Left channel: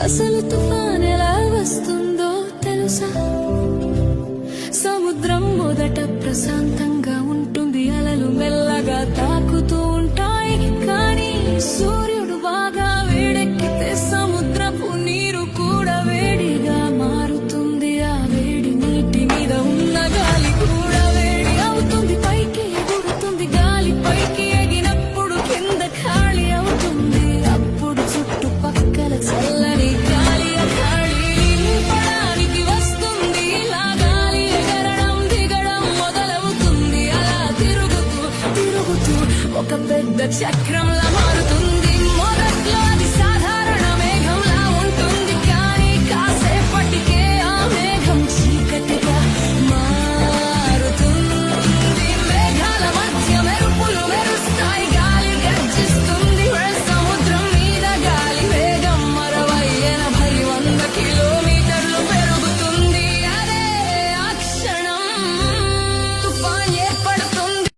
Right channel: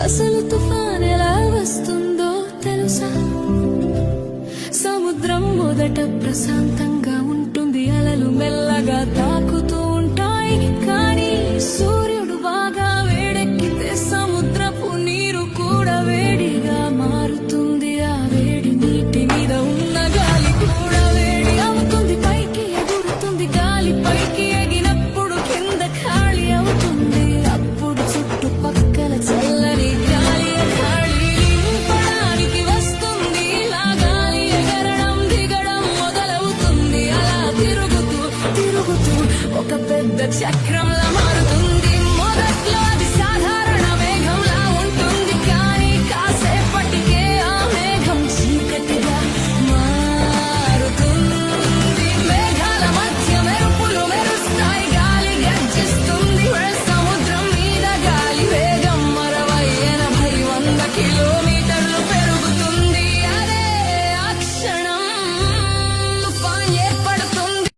అసలు తుఫాన్ ఎలా వస్తుందో తెలుసా? సముద్రం మొదట ప్రశాంతంగా ఉంటుంది అలలు మెల్లగా తాకుతూ ఉంటాయి. తిరుగుతూ ఒక పెద్ద చక్రంలా మారుతుంది. మొదట్లో అది సాధారణ మేఘంలా ఉంటుంది. కానీ కాసేపటికే ఆ మేఘం చీకటిగా